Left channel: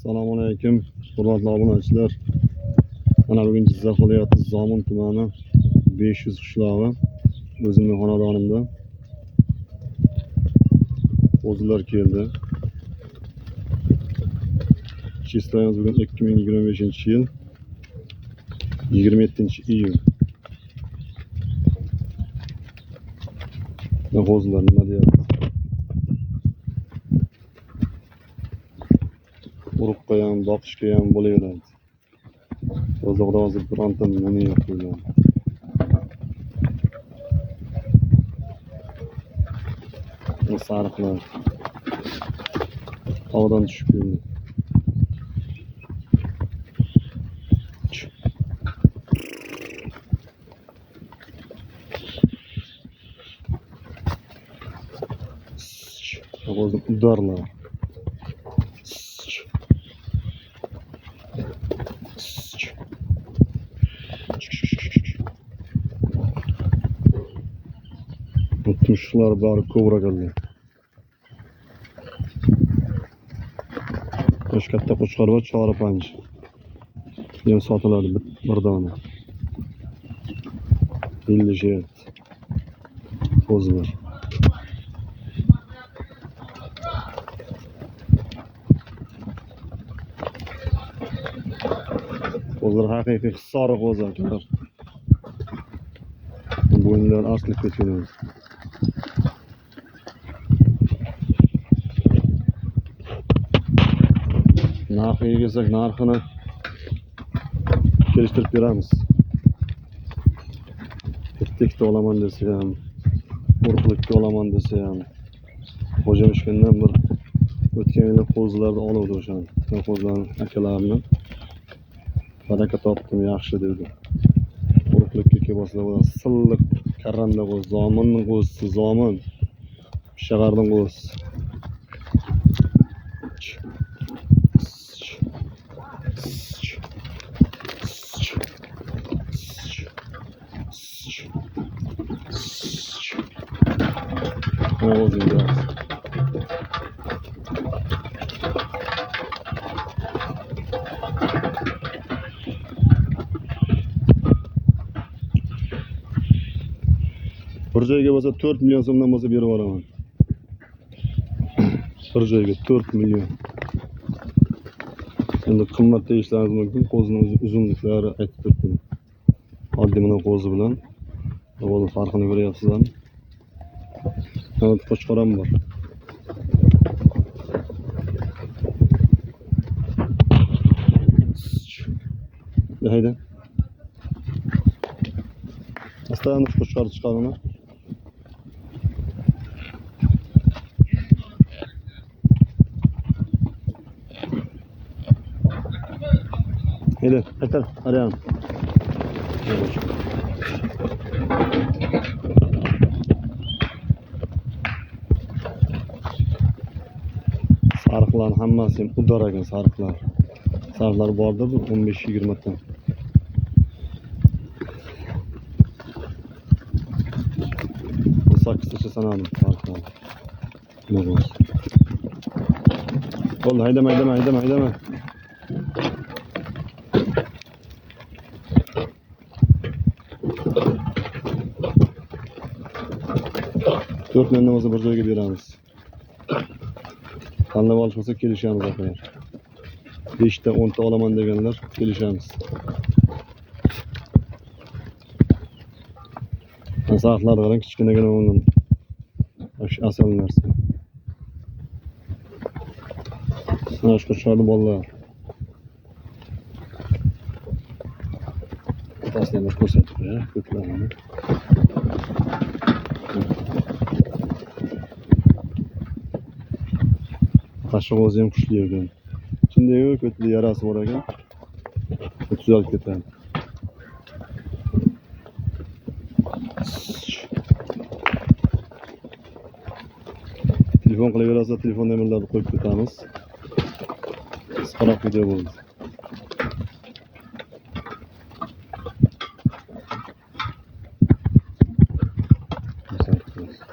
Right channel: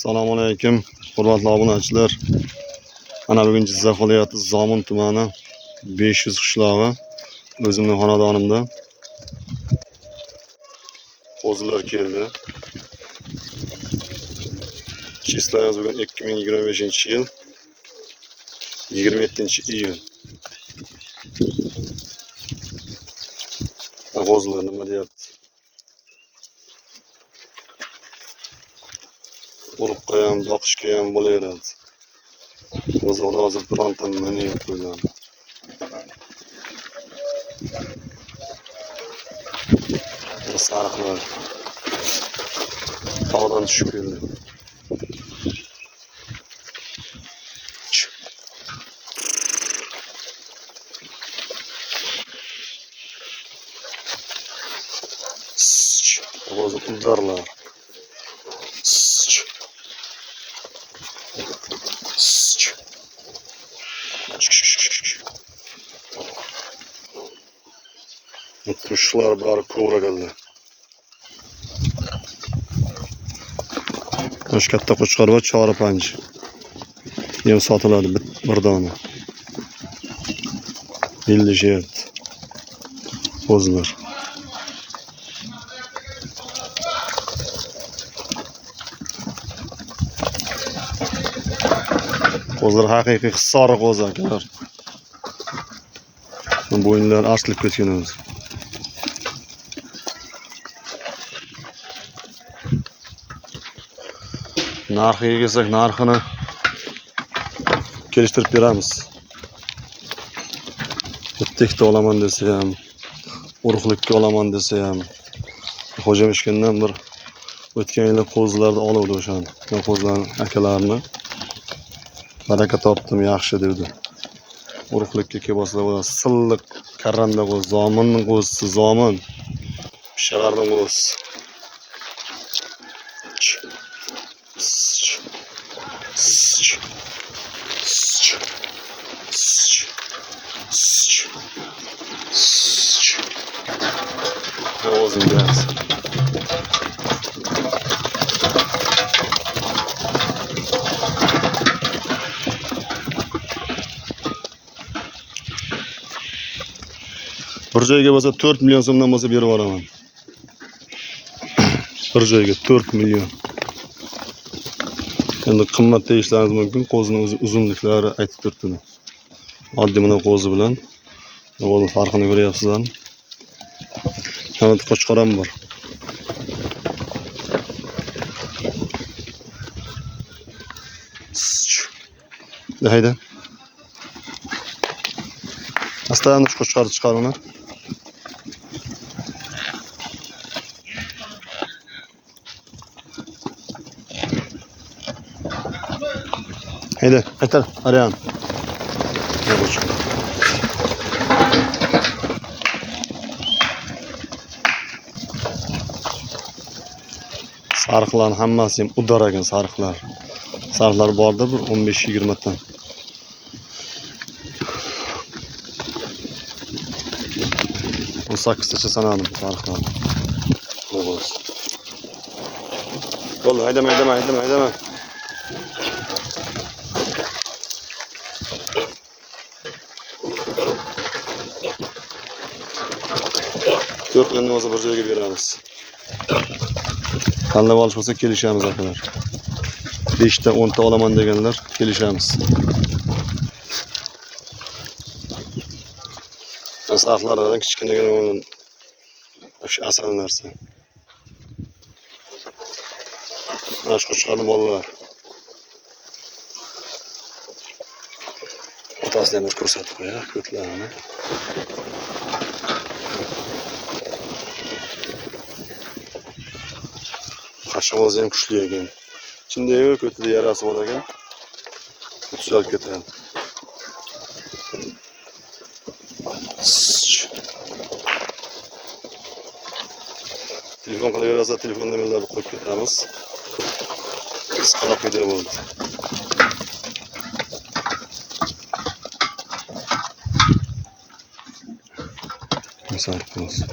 Assalomu alaykum, hurmatli obunachilar. Mana bugun Jizzax viloyati Zomin tumani 500 qishlog'i o'zimning xonadonimda qo'zilar keldi. Chistayimiz bugun 2025-yil 27-iyun. Qo'zilar nima deyapti? Urug'ga ham, boqishga ham bo'laveradi. Qo'zilar hozir bironta nima yo'q qo'ygan. Sariqlar tog'dan tushib keldi. Qo'zi udarlar. Mutmuşlar bari kovra geldi. Hoş katta qo'chqor va chori panj. Yem sotiladi bir dona. 50 jert. Qo'zilar. Qo'zilar haqiqiy sariq qo'zi akalar. Bo'yinlar arsilib ketgan o'zi. Narxiga kelsak, narxini kelishtirib beramiz. Bitta olaman desa ham, urug'likka olaman desa ham, xo'jam ishkandan bir o'tgan yil qo'zilarni oluvdi o'shani. Men qo'zilarni akalarini baraka topdim, yaxshi dedi. Urug'likka kelsa bo'ladi. Silliq karranda qo'zi, zominning qo'zisi, zomin. Shaharning qo'zisi. Ne olsun biraz. Bir joyga bo'lsa 4 million so'mdan bo'lsa berib yuboraman. Bir joyga 4 million. Endi qimmat deyishlaringiz mumkin, qo'zining uzunliklari aytib turibdi. Oddiy mana qo'zi bilan o'g'il farqini ko'ryapsizlar. Mana qo'chqor ham bor. Hayda. Astadan qo'chqorni chiqaringlar. Hayda, aytar, Aryan. Sariqlar hammasi ham udar ekan, sariqlar. Sariqlar borda bir 15-20 tan. Bu 8tacha sanadim sariqlarni. Nima bo'lsa. Bo'ldi, haydama. 4 million o'zi bir joyga beramiz. Tanlab olish bo'lsa kelishamiz akalar. 5 ta 10 ta olaman deganlar kelishamiz. Sariqlardan kichkinagina o'yin. O'sha asal narsa. Mana shu qo'chqorning bolalar. Otasini ham ko'rsatib qo'ya, ko'tlarni. Qashq o'zi ham kuchli ekan. Ichida yo'q, o'tida yarasi bor ekan. Tuzalib ketadi. Telefon qilaversa, telefon nomerlarini qo'yib ketamiz. Qisqaroq video bo'ldi. Misol bo'lsin.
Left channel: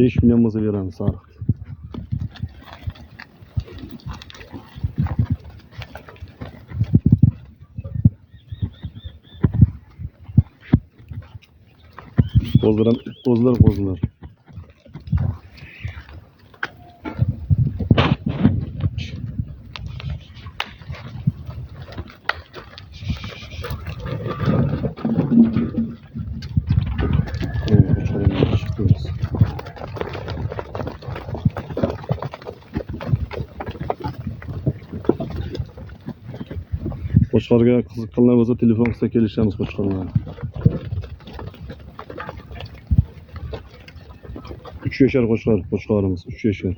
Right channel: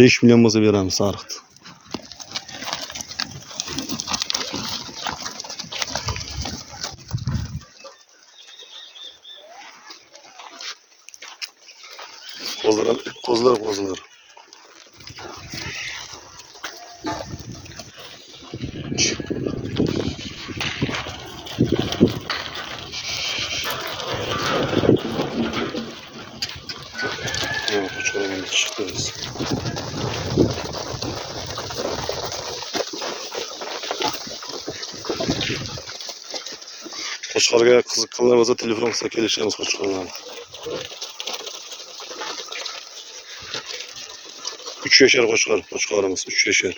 5 million bo'lsa beramiz sariqni. Kozlar. Qo'chqorimiz chiqdi. Qo'chqorga qiziqqanlar bo'lsa telefon qilsa kelishamiz qo'chqorlarni. 3 yashar qo'chqorimiz 3 yashar.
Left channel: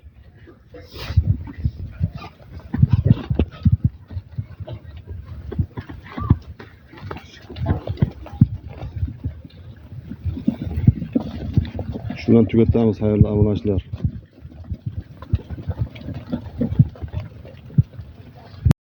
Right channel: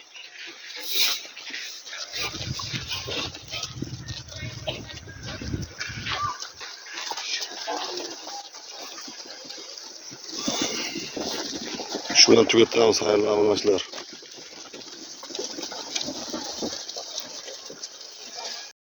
Shu bilan tugatamiz, xayrli obunachilar.